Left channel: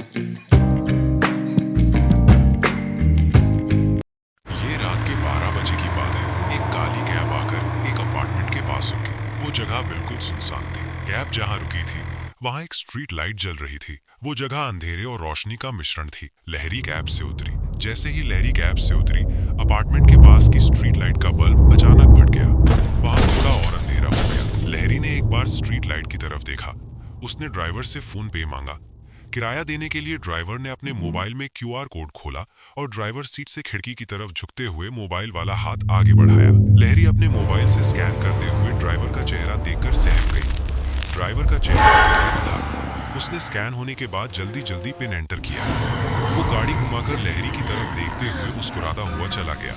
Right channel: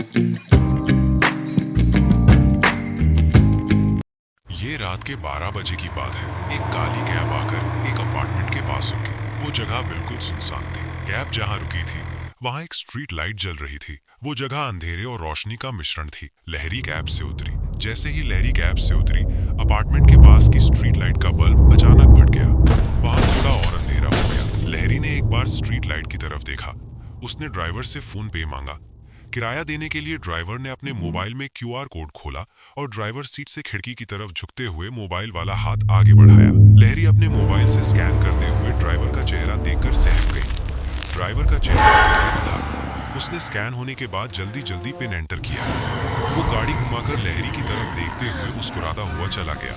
ये रात के 12 बजे की बात है। एक काली कैब आकर एक अपार्टमेंट के पास रुकी। वो जगह बिल्कुल सुनसान थी। कैब जहाँ रुकी थी वहाँ एक स्ट्रीट लाइट जल रही थी। वो जगह अंधेरे और रोशनी का मिश्रण थी। लहरी कैब से उतरी। जैसे ही लहरी कैब से उतरी, अपार्टमेंट के पास की स्ट्रीट लाइट का बल्ब अचानक फट गया। वहाँ थोड़ा और अंधेरा हो गया। लहरी ने एक बार स्ट्रीट लाइट की तरफ देखा। उसने ड्राइवर से फोन पे मांगा। किराया देने के लिए ड्राइवर ने अपने मोबाइल में QR कोड खोला और ड्राइवर सीट से खिड़की की तरफ झुकते हुए मोबाइल वाला हाथ आगे बढ़ाया। लहरी अपने मोबाइल से स्कैन करते हुए ड्राइवर का चेहरा देखकर सहम गई। ड्राइवर का चेहरा विकृत था। उसने स्कैन होने के बाद जल्दी जल्दी पिन एंटर किया। वो गाड़ी घुमाकर लहरी की तरफ देखते हुए मुस्कुराता हुआ चला गया।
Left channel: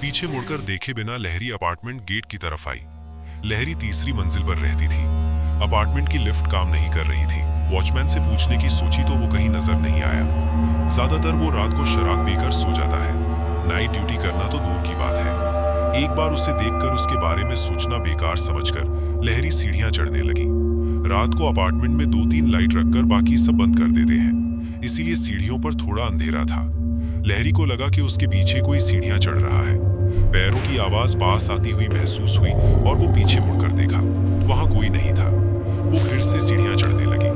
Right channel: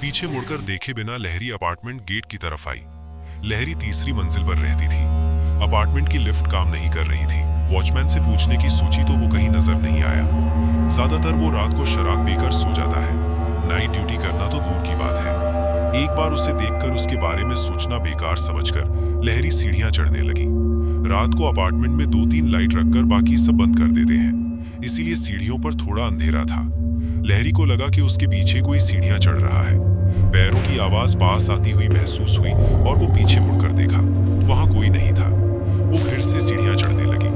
पीछे मुड़कर देखे बिना लहरी अपार्टमेंट गेट की तरफ आई। लहरी तीसरी मंजिल पर रहती थी। अपार्टमेंट की लिफ्ट काम नहीं कर रही थी। वॉचमैन से पूछने की सोची तो वो कहीं नजर नहीं आया। ज्यादातर वो रात को शराब पीकर सो जाता है। नाइट ड्यूटी करना तो दूर की बात है। एक बार उसे देखकर उसके बारे में सोचना बेकार समझकर लहरी सीढ़ियां चढ़ने लगी। रात को अपार्टमेंट में 2-3 लाइट रखकर बाकी सब बंद कर देते हैं, इसीलिए सीढ़ियों पर थोड़ा अंधेरा था। लहरी को लगा कि उसके पीछे कोई सीढ़ियां चढ़ रहा है। पैरों की आवाज पास आती हुई महसूस हुई और वो पीछे मुड़कर देखा। वहां कोई नहीं था। वो फिर से सीढ़ियां चढ़ने लगी।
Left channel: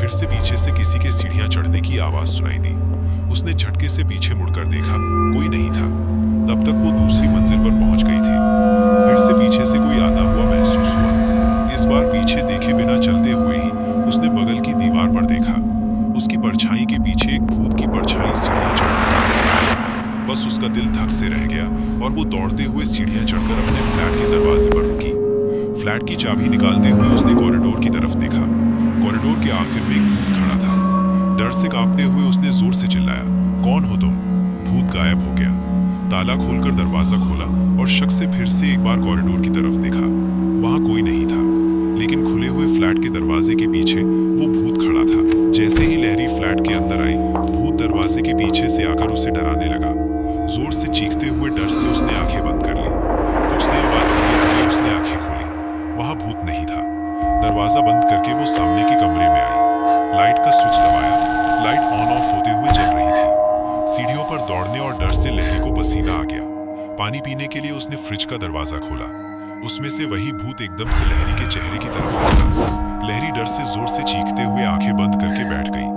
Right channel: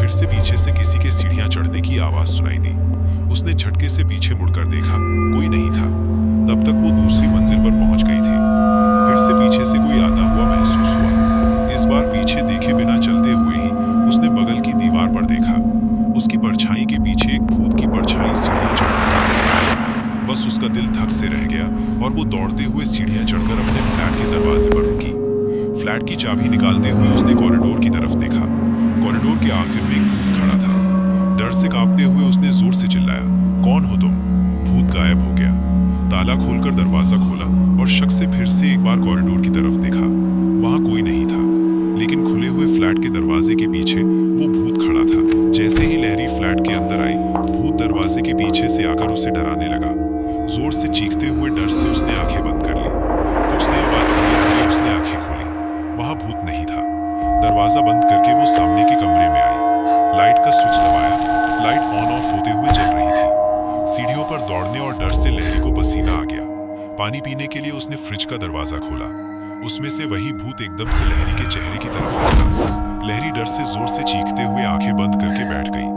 फिर से पीछे से किसी के सीढ़ियां चढ़ने की आवाज सुनाई दी। उसने झटके से पीछे मुड़कर देखा, कोई नहीं था। तब तक वो दूसरी मंजिल पर पहुंच गई थी। फिर से पीछे से कोई आता हुआ महसूस हुआ। इस बार पीछे देखे बिना चलते हुए ही उसने बगल की दीवार पर देखा। उसकी परछाई के पीछे एक भूत की परछाई सीढ़ियां चढ़ती हुई दिखाई दी। बस उसका दिल धक से रह गया और वो दौड़ते हुए सीढ़ियां चढ़कर अपने फ्लैट के दरवाजे पर रुकी। फ्लैट की चाबी निकालते हुए उसने कॉरिडोर की तरफ देखा। कॉरिडोर के आखिर में एक भूत खड़ा था। डर से कांपते हुए उसने जोर से चिल्लाया, कौन हो तुम? भूत गायब हो गया। ताला खोलकर दरवाजा खोला और शक से फिर से एक बार कॉरिडोर की तरफ देखा। वहां कोई नहीं था, लेकिन खुले हुए फ्लैट के दरवाजे के पीछे वो भूत खड़ा था। जैसे ही लहरी फ्लैट के अंदर आई, भूत दरवाजे के पीछे से आकर उसे डराने लगा। जोर से चीखते हुए डर से उसने आंखें बंद कर ली। कुछ देर बाद धीरे धीरे उसने आंखें खोली। वहां भूत नहीं था। दरवाजा बंद करके वो सामने के कमरे में आई। लाइट का स्विच दबाया। लाइट ऑन ऑफ होते हुए जल रही थी। सीढ़ियों पर दौड़ने और डर से लहरी को पसीना आ गया। पानी पीने के लिए उसने फ्रिज का दरवाजा खोला। उसमें से वही भूत एकदम से लहरी के चेहरे की तरफ लौटा। लहरी डर से जोर से चीखते हुए आंखें बंद करके बैठ गई।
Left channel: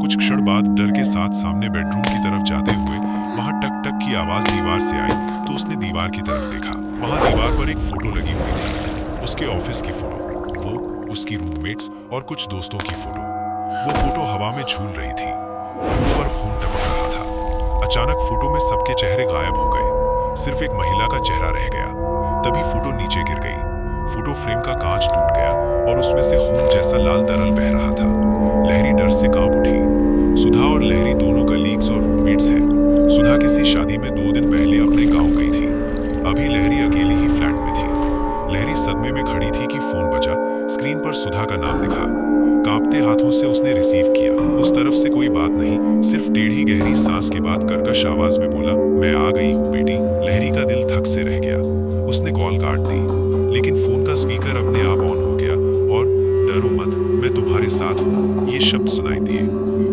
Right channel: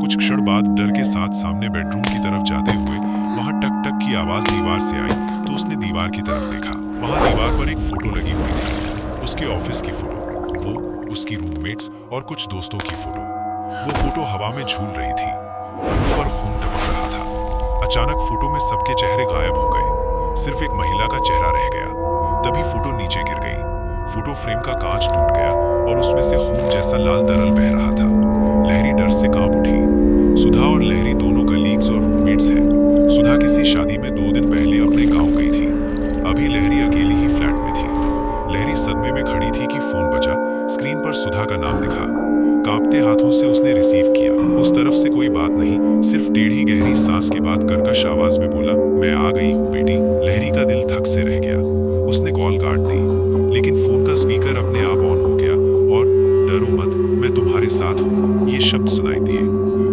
कुछ क्षण बाद डर के साथ सामने बेडरूम की तरफ जाते हुए वहां टक टक की आवाज दीवार से आई तो उसने दीवार की तरफ देखा। वहां दीवार पर एक फोटो लगी हुई थी। उसके ऑफिस की फोटो, वो, उसकी रूममेट्स और कुछ दोस्तों की फोटो। वो फोटो हवा में झूल रही थी। फोटो पर खून टपक रहा था। अचानक फोटो में सबके चेहरे गायब हो गए। सिर्फ एक महिला का चेहरा रह गया। तभी फोटो नीचे गिर गई। फोटो फ्रेम का कांच टूट गया और उसमें से खून जैसा लाल तरल बह रहा था। लहरी डर से कांप उठी। सुधा और लहरी दोनों कलीग्स और रूममेट्स हैं। सुधा किसी शादी में 2 दिन पहले अपने गांव गई थी। अभी लहरी अकेली ही फ्लैट में थी। लहरी सदमे में खड़ी थी कि फोन बजा। स्क्रीन पर सुधा का नाम दिखा। कांपते हाथों से उसने रिसीव किया। उस तरफ से कोई बात नहीं, सिर्फ टेढ़ी गहरी सांस के बाद कर्कश आवाज में बोला, मैं आ गई हूँ बेटी। लहरी का दिल धक से रह गया। उसने कॉल काट दी, लेकिन फोन का स्पीकर अपने आप ऑन हो गया और डरो मत, मैं तुम्हारे साथ हूँ, ये शब्द सुनाई दिए।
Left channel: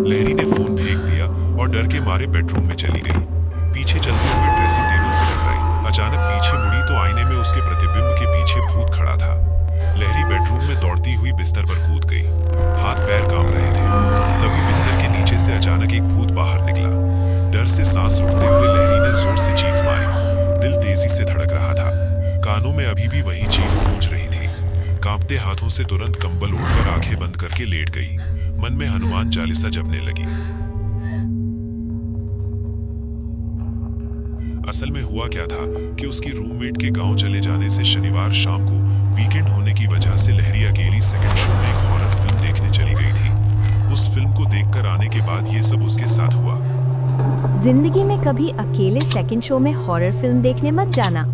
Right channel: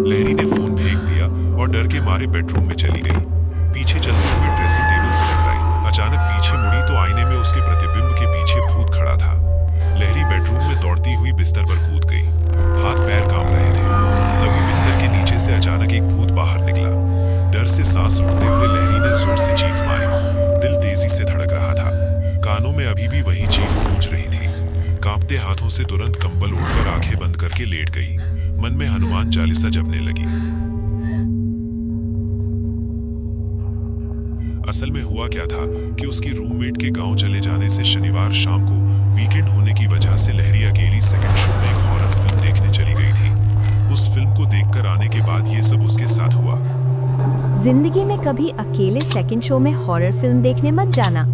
लहरी ने फोन फेंक दिया और डर के मारे बेडरूम में चली गई। पीछे चलते हुए ड्रेसिंग टेबल से टकराई। अचानक पीछे मुड़ी तो आईने में उसके प्रतिबिंब के पीछे भूत खड़ा था। लहरी बेडरूम में दौड़ती हुई बिस्तर पर कूद गई। हाथ पैर कांप रहे थे। तभी बिस्तर के नीचे से अचानक एक भूत बाहर निकला। डर से सांस रुकते हुए लहरी ने जोर से चीख मारी। दिल तेजी से धड़क रहा था। कानों में अभी भी वही चीख गूंज रही थी। कांपते हाथों से तुरंत कंबल ओढ़कर आंखें बंद करके लेट गई। मन में हनुमान चालीसा जपने लगी। असल में हुआ क्या था कि उसकी रूममेट के गांव चले जाने से शनिवार शाम को वीकेंड होने की वजह से लहरी अकेली सेकंड शो में एक हॉरर फिल्म देखने चली गई थी। उस फिल्म को देखकर आने के बाद ये सब उसके साथ हुआ। जिंदगी में कभी अकेले सेकंड शो में हॉरर फिल्म देखने मत जाना।